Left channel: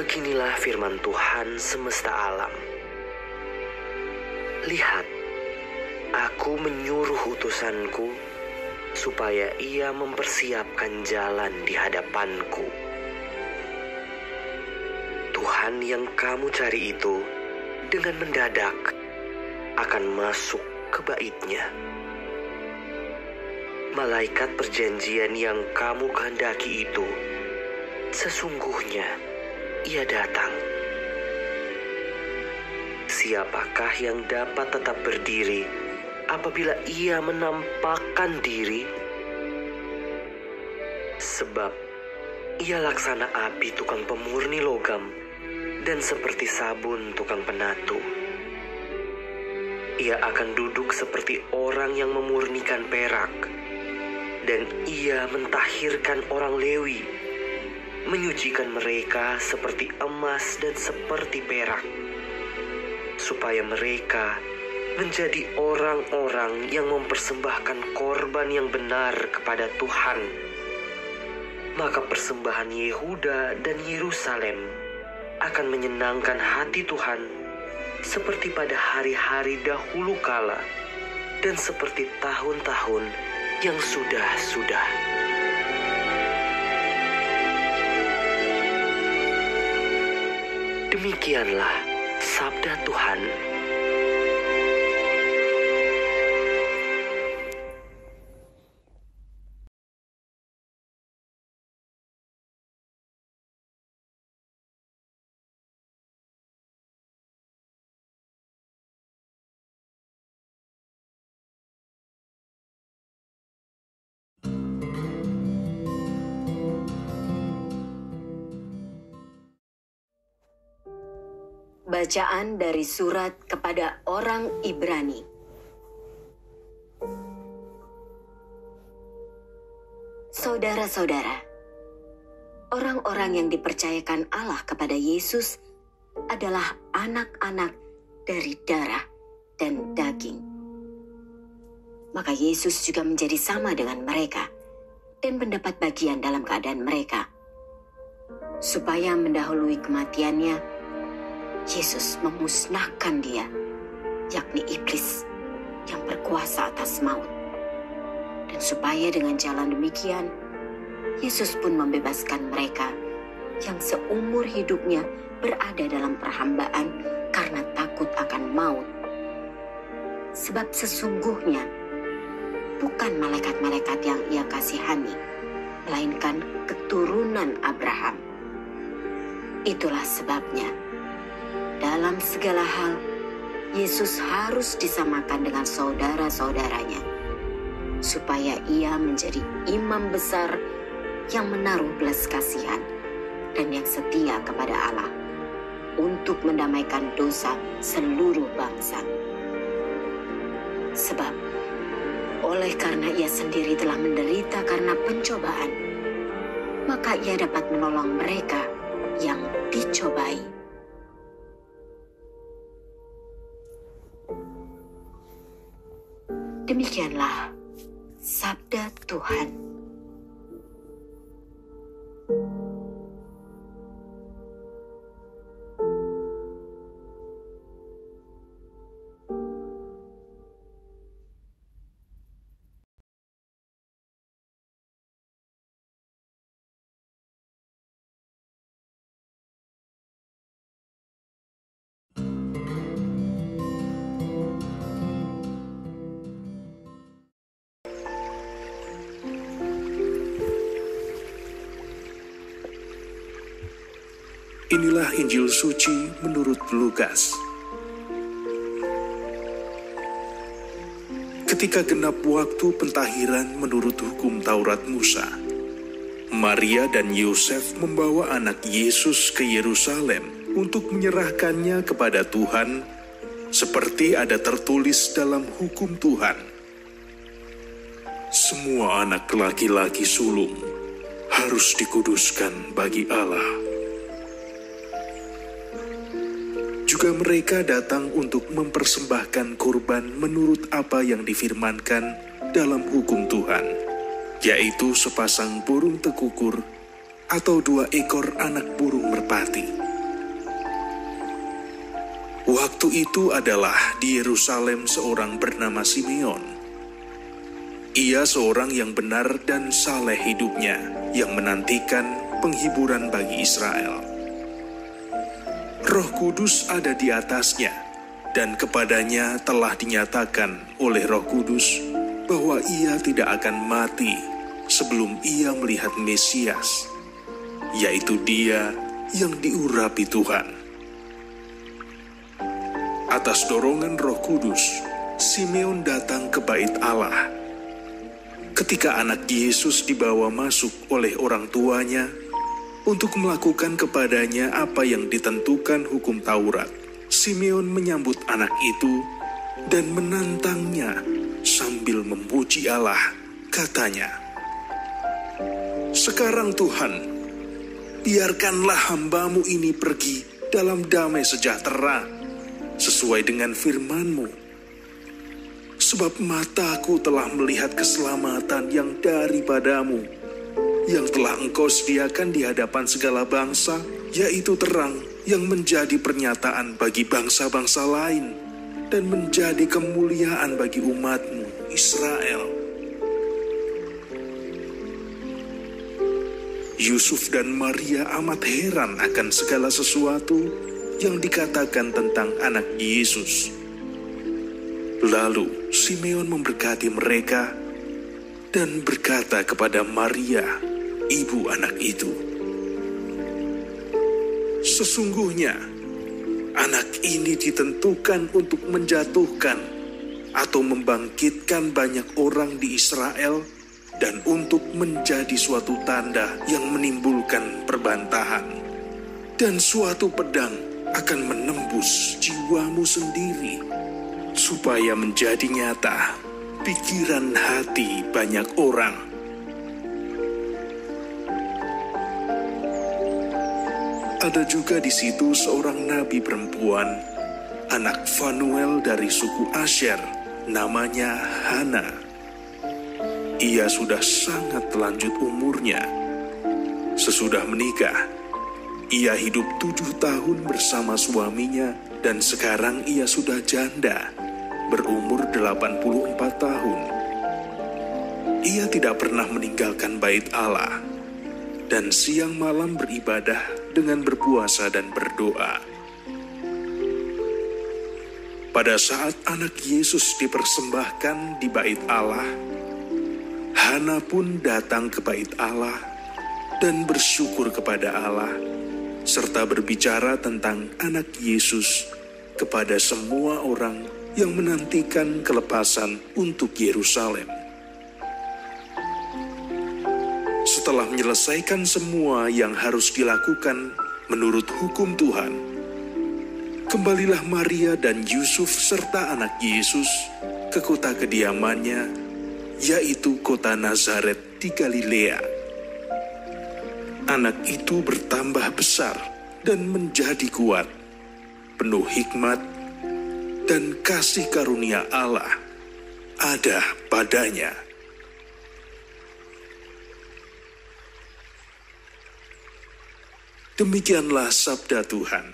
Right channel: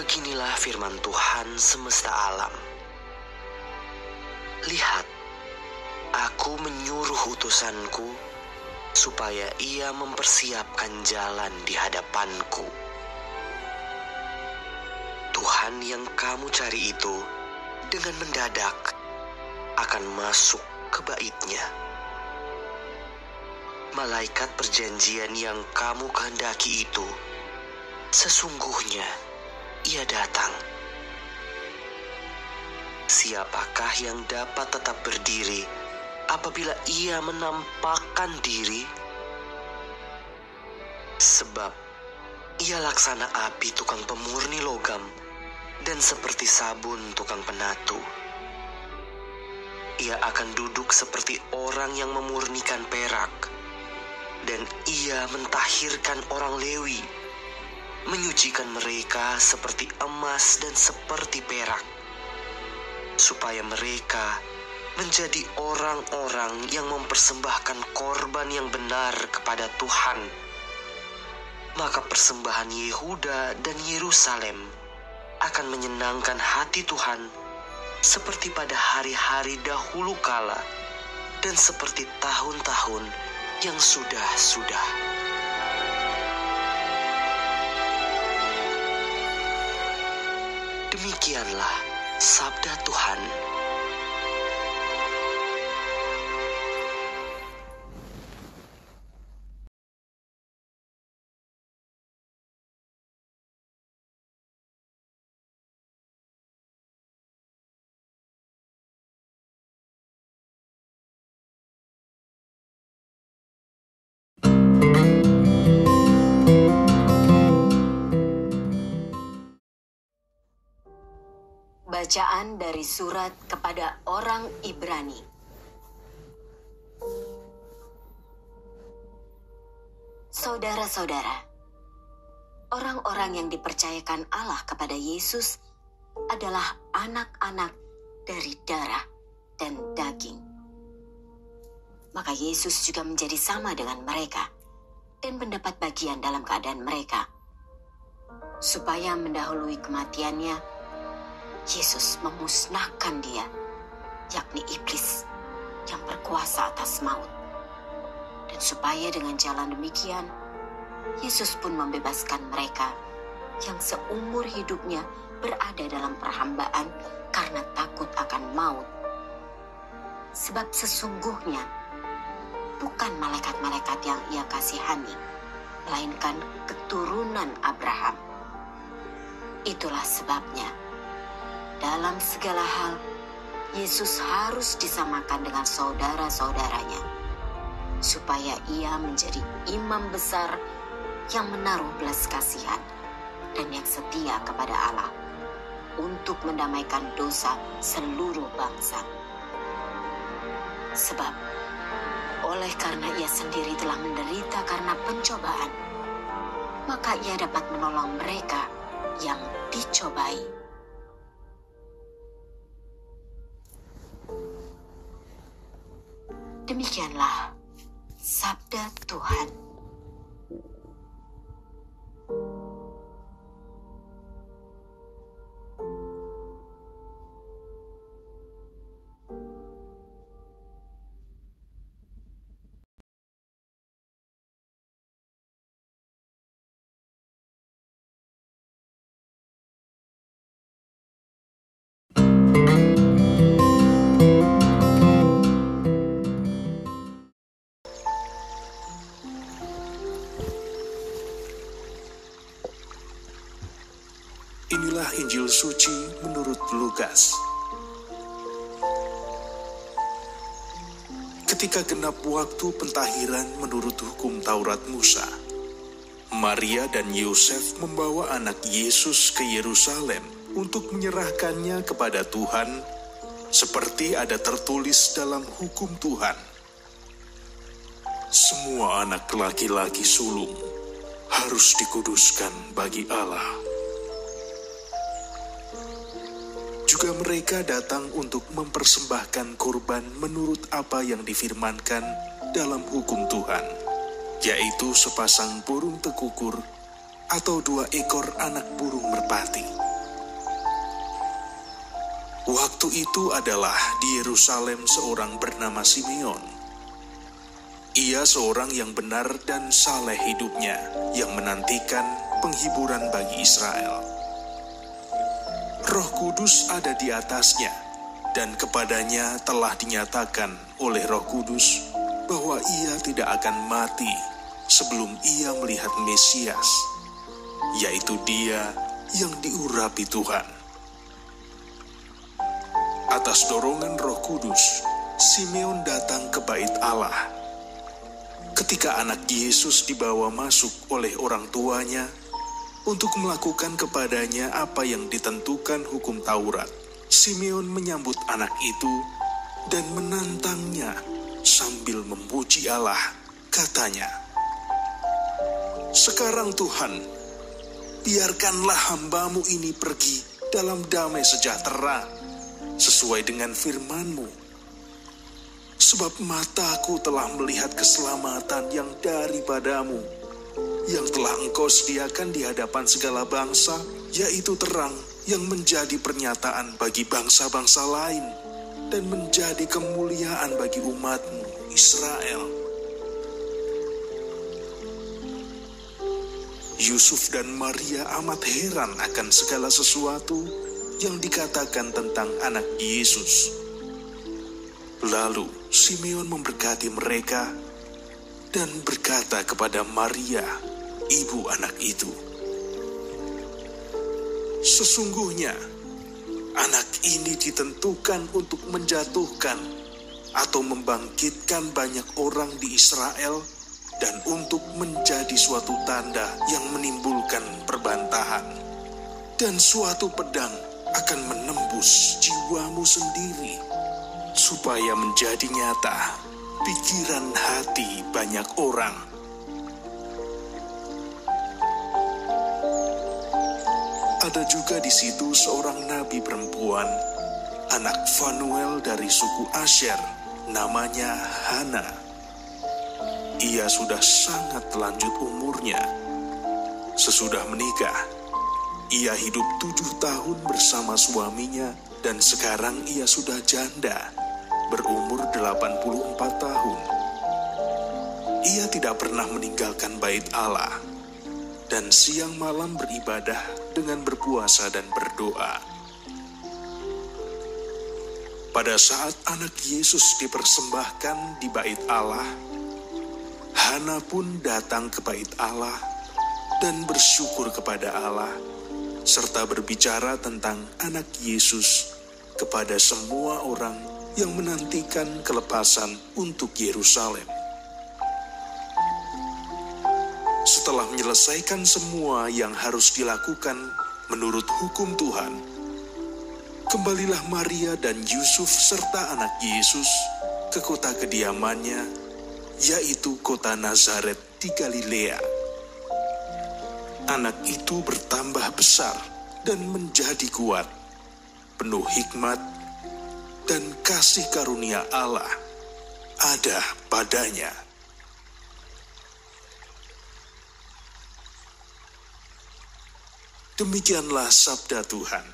Beginilah firman Tuhan semesta alam. Lihat, aku menyuruh utusanku supaya ia mempersiapkan jalan di hadapanku. Tuhan yang kamu cari itu dengan mendadak akan masuk ke bait-Nya. Malaikat perjanjian yang kamu kehendaki itu, sesungguhnya ia datang. Siapakah yang dapat tetap berdiri apabila ia menampakkan diri? Sebab ia laksana api tukang pemurni logam dan seperti sabun tukang penatu. Ia akan duduk seperti orang yang memurnikan perak, dan ia mentahirkan orang Lewi, menyucikan mereka seperti emas dan seperti perak, supaya mereka menjadi orang-orang yang mempersembahkan korban yang benar kepada Tuhan. Maka persembahan Yehuda dan Yerusalem akan menyenangkan hati Tuhan seperti pada hari-hari dahulu kala dan seperti tahun-tahun yang sudah-sudah. Demikianlah sabda Tuhan. Bacaan dari surat kepada orang Ibrani. Saudara-saudara, orang-orang yang dipercayakan Allah kepada Yesus adalah anak-anak dari darah dan daging. Maka Yesus juga menjadi sama dengan mereka dan mendapat bagian dalam keadaan mereka, supaya mendahului kematiannya, Yesus memusnahkan dia, yakni iblis yang berkuasa atas maut. Dan supaya dengan jalan demikian, Yesus pun membebaskan mereka yang seumur hidupnya berada dalam perhambaan karena takut akan maut. Sebab sesungguhnya bukan malaikat-malaikat yang ia kasihani, melainkan keturunan Abraham. Itulah sebabnya dalam segala hal, Yesus harus disamakan dengan saudara-saudaranya, supaya ia menjadi imam besar yang menaruh belas kasihan dan yang setia kepada Allah untuk mendamaikan dosa seluruh bangsa. Sebab, oleh karena ia sendiri telah menderita karena pencobaan, maka ia dapat menolong mereka yang dicobai. Demikianlah sabda Tuhan. Inilah Injil suci menurut Lukas. Ketika genap waktu pentahiran menurut hukum Taurat Musa, Maria dan Yosef membawa anak Yesus ke Yerusalem untuk menyerahkannya kepada Tuhan, seperti ada tertulis dalam hukum Tuhan. Semua anak laki-laki sulung harus dikuduskan bagi Allah. Juga mereka datang untuk mempersembahkan kurban menurut apa yang difirmankan dalam hukum Tuhan, yaitu sepasang burung tekukur atau 2 ekor anak burung merpati. Waktu itu adalah di Yerusalem seorang bernama Simeon. Ia seorang yang benar dan saleh hidupnya, yang menantikan penghiburan bagi Israel. Roh Kudus ada di atasnya, dan kepadanya telah dinyatakan oleh Roh Kudus bahwa ia tidak akan mati sebelum ia melihat Mesias, yaitu Dia yang diurapi Tuhan. Atas dorongan Roh Kudus, Simeon datang ke Bait Allah. Ketika anak Yesus dibawa masuk oleh orang tuanya untuk melakukan kepadanya apa yang ditentukan hukum Taurat, Simeon menyambut anak itu dan menantangnya sambil memuji Allah. Katanya, "Sekarang Tuhan, biarkanlah hamba-Mu ini pergi dalam damai sejahtera, sesuai dengan firman-Mu. Sebab mataku telah melihat keselamatan yang daripada-Mu, yang telah Engkau sediakan di hadapan segala bangsa, yaitu terang yang menjadi pernyataan bagi bangsa-bangsa lain, dan menjadi kemuliaan bagi umat-Mu, Israel." Yusuf dan Maria amat heran akan segala sesuatu yang dikatakan tentang anak Yesus. Lalu Simeon memberkati mereka dan berkata kepada Maria, ibu anak itu, "Sesungguhnya anak ini ditentukan untuk menjatuhkan atau membangkitkan banyak orang di Israel, dan untuk menjadi suatu tanda yang menimbulkan perbantahan, dan suatu pedang akan menembus jiwamu sendiri, supaya menjadi nyata pikiran hati banyak orang." Ada juga di situ seorang nabi perempuan, anak Fanuel dari suku Asher, namanya Hana. Ia sudah sangat lanjut umurnya. Sesudah menikah, ia hidup 7 tahun bersama suaminya, dan sekarang ia sudah janda, berumur 84 tahun. Ia tidak pernah meninggalkan Bait Allah, dan siang malam beribadah dengan berpuasa dan berdoa. Pada saat anak Yesus dipersembahkan di Bait Allah, Hana pun datang ke Bait Allah dan bersyukur kepada Allah, serta berbicara tentang anak Yesus kepada semua orang yang menantikan kelepasan untuk Yerusalem. Setelah menyelesaikan semua yang harus dilakukan menurut hukum Tuhan, kembalilah Maria dan Yusuf serta anak Yesus ke kota kediamannya, yaitu kota Nazaret di Galilea. Anak itu bertambah besar dan menjadi kuat, penuh hikmat, dan kasih karunia Allah ada padanya. Demikianlah sabda Tuhan.